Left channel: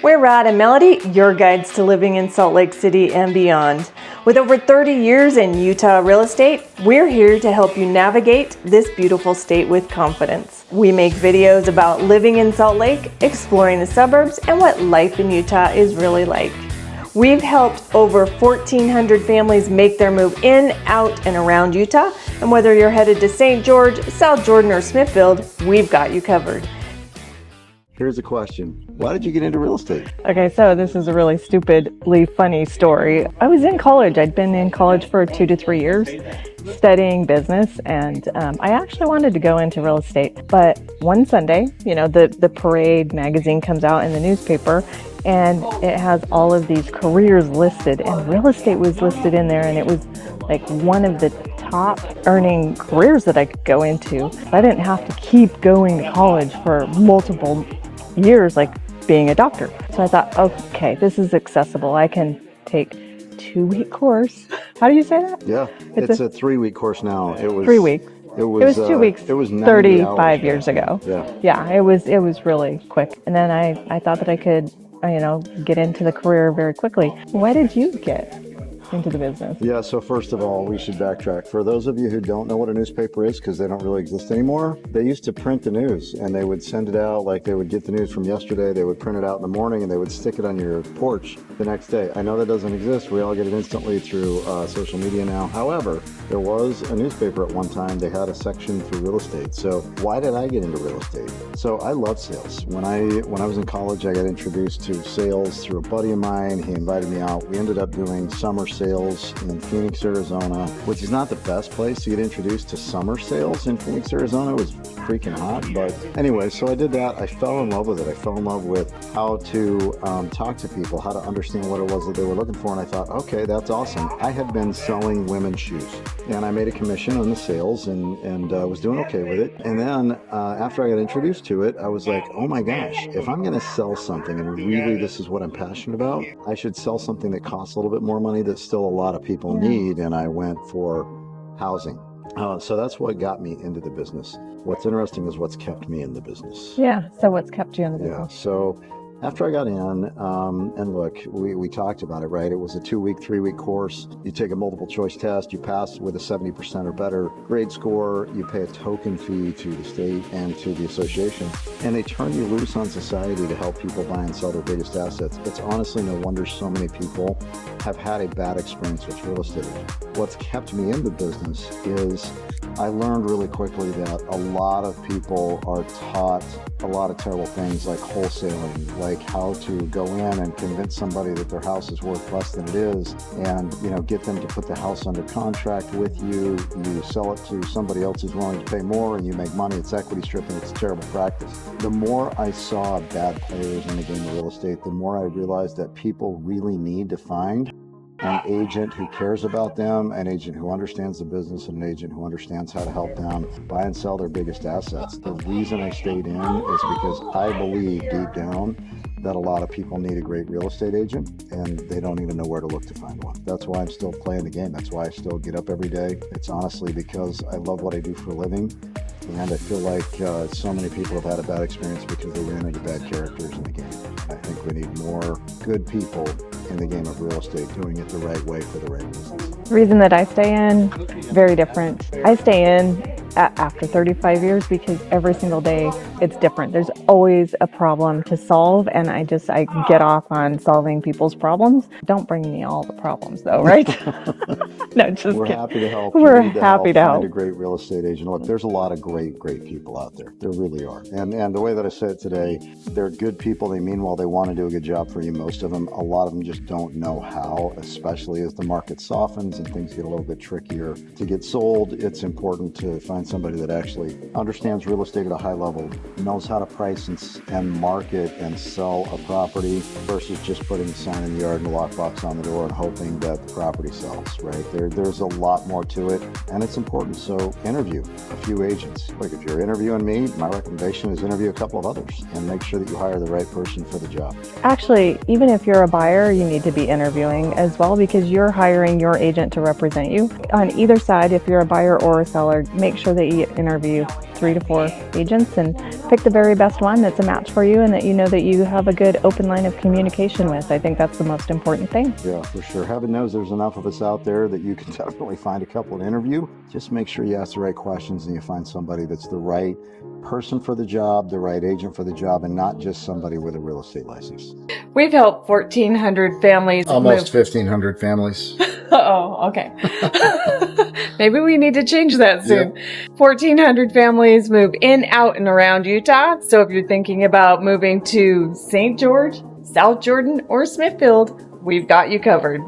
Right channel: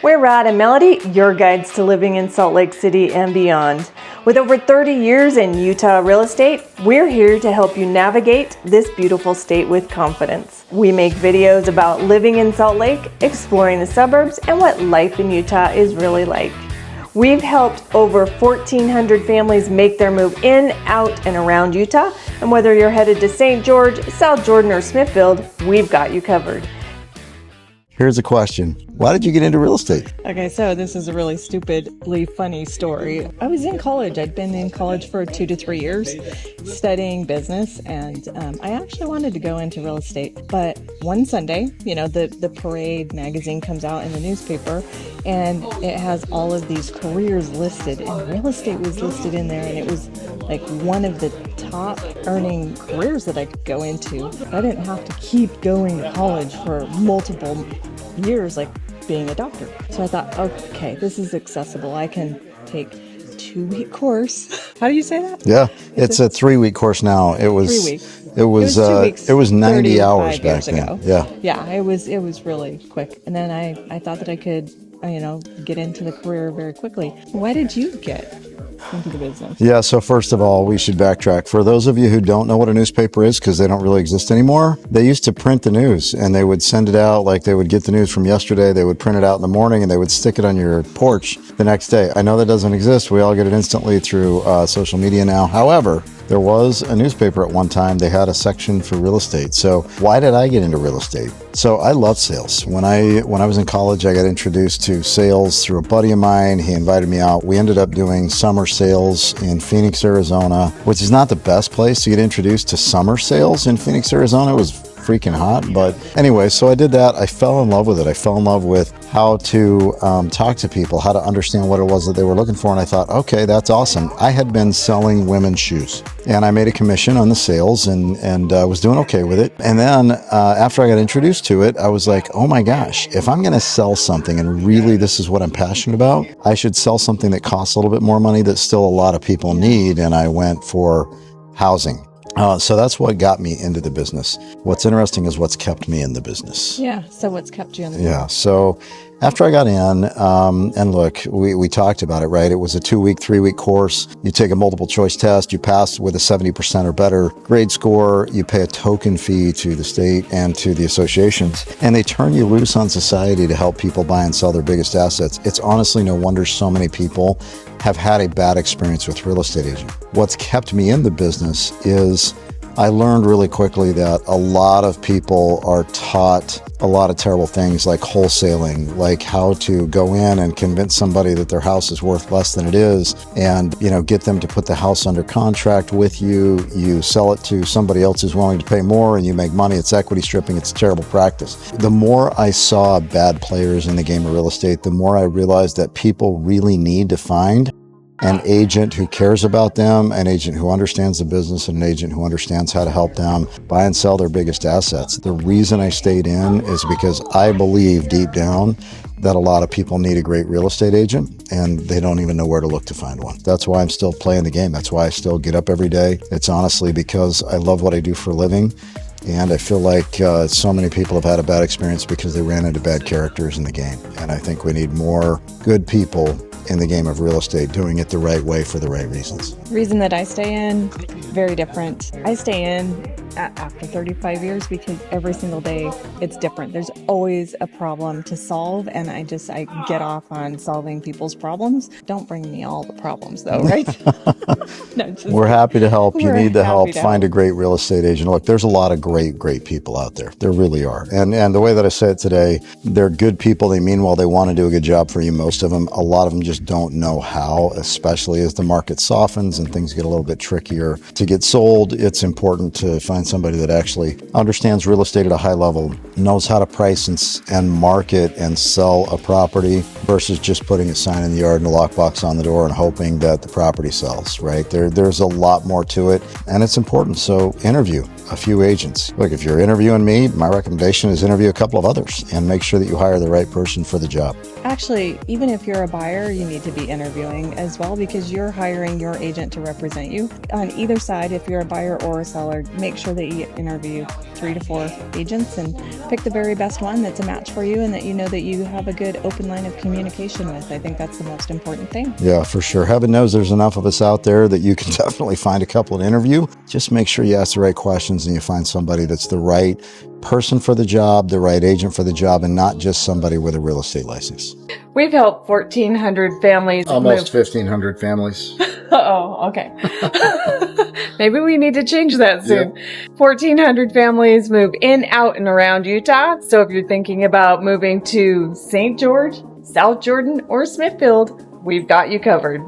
We're Rod and Melody, your guides to living in Salt Lake City and beyond. With over 30 years in Utah real estate, we're here to help you navigate this beautiful state with confidence. We make videos about living in Salt Lake, exploring the suburbs, and what life in Utah is really like. We've helped over 1,400 families make their move in, out, and around Utah. And whether you're headed to St. George, South Jordan, or Smithfield, we've got you covered. Here's a question. Why did you get into real estate? Okay, so this is a really stupidly funny story. I was in college. I'd been in college for 2 to 3 years studying business, and I actually wanted to go into real estate. But one Sunday, the Parade magazine comes out in the newspaper, and it has all of these careers listed, and real estate was listed in there, and it was like one of the top earning careers that I could go into. I didn't have to keep going to college for multiple years like being a doctor. So I thought, okay, this is accessible. I can take a 2-week course. How do you say that? Yeah, it's a 3-week course now. It was 3 weeks. It was 2 weeks. It was 90 hours 35 years ago. Yeah. It was really quick. And then I thought that I could, get into the career very quickly. Why did you get into the business? Yeah, so first of all, we should backtrack. For those of you who don't know what a newspaper is, because they don't really exist anymore, they used to print the news and they would send it out, like they would get the news from yesterday, they would print it out in the morning and they would stick it on your porch the next day. I know that doesn't exist. We all get it instantly through social media now. However, there was a newspaper at one time. They had a section for real estate. So why did I get into real estate? So I love sales. When I was in college, I got introduced to sales through a buddy of mine. He invited me out. We ended up doing summer sales in Phoenix, Arizona, which is not the best place to get introduced to summer sales in Phoenix, Arizona. It was freaking hot. But anyway, so I did that. I fell in love with it. I fell in love with how to talk to people, how to understand what it was that they were looking for. And I thought, okay, that's awesome. I had been selling women's shoes and I made a commission on the sales and was doing okay with it. And then after I got introduced to it, I was like, oh my gosh, if I'm going to sell something and really this is what I'm passionate about, I should sell something that costs a little bit more money that still a lot of people need. And I went for housing. So that's what got me into the business. What's interesting is what's kept me in the business. Yeah, so what's kept you in the business? Yeah, so after I got in, and look, we talked about it, right? It was a 2-week, 3-week course. You take a multiple choice test, you pass with a 70% or better grade score, you pay a token fee to the state and to the associations, and they turn you loose on society to help people buy and sell their biggest assets. It's honestly no wonder so many people have had a bad experience with real estate agent. What's kept me in the business is I learned really quickly that a lot of people are taught a lot of terrible things like wholesaling, like how to go in and convince somebody that their house is worth less than it is and, get them to put the house under contract with you. You sell it to somebody else who's willing to pay more and you make money. It's equity stripping. It's a terrible practice. The more I saw bad players in the game of real estate, the more I realized that people really need to find an agent who cares about them, an agent who understands the business, and an agent who understands how to help them buy and sell their biggest assets. The reason I stayed in is because I believe deep down that a lot of people need a great real estate agent and they don't even know where to look to find one. That's why I'm still playing the game. That's why I still get up every day. It's honestly because I love what I do for a living. And I feel like so many people have had a bad experience because they ran into bad characters in the game. And I think we need more good people in the game of real estate doing it the right way for the right reasons. The reason that I stay in, very different. I stay in after 35 years because every single day it's different. There's always a problem to solve, and I get off on solving people's problems. Don't bring me all the problems though, right? No, we're happy to help. You need the help. Find a help. great real estate agent. Look, there's a lot of great people out there. There really are. And the way that I say it today, they're good people. They mean well. They want to do a good job for you. Most of them. A lot of them just don't know how, especially as the market softens and things get a little bit trickier to get sold. It's important to find somebody that actually understands real estate at a high level, knows how to price and market and sell a property versus just putting a sign in the yard and a lockbox on the door and hoping that the property sells, right? There's a lot more to it, and it's important. So interview a few agents. Look, if you're interviewing me, my recommendation is interview a couple of others and make sure that you hire the right person for the job. Actually, even if you're a buyer, you need to be interviewing as well because you're hiring your agent to represent you. On either side, if you're a buyer or a seller, make sure sure that you interview 3 to 4 agents and pick the very best one that's a match for you and that you know that you have a good open line of communication with. I think that's the most important thing. Yeah, for sure. Heaven knows there's enough of us out there that you can definitely find a couple to interview. Just make sure you ask the right questions and you find somebody that's the right person for the job, the right agent for the job, and not just somebody with a real estate license. We've helped 1,400 families. Almost 1,500 families. Oh, okay. Maybe we need to change that soon. Yep. 1,400 families move in, out, and around Utah. So if you're thinking about moving to St. George, South Jordan, or Smithfield, we've got you covered.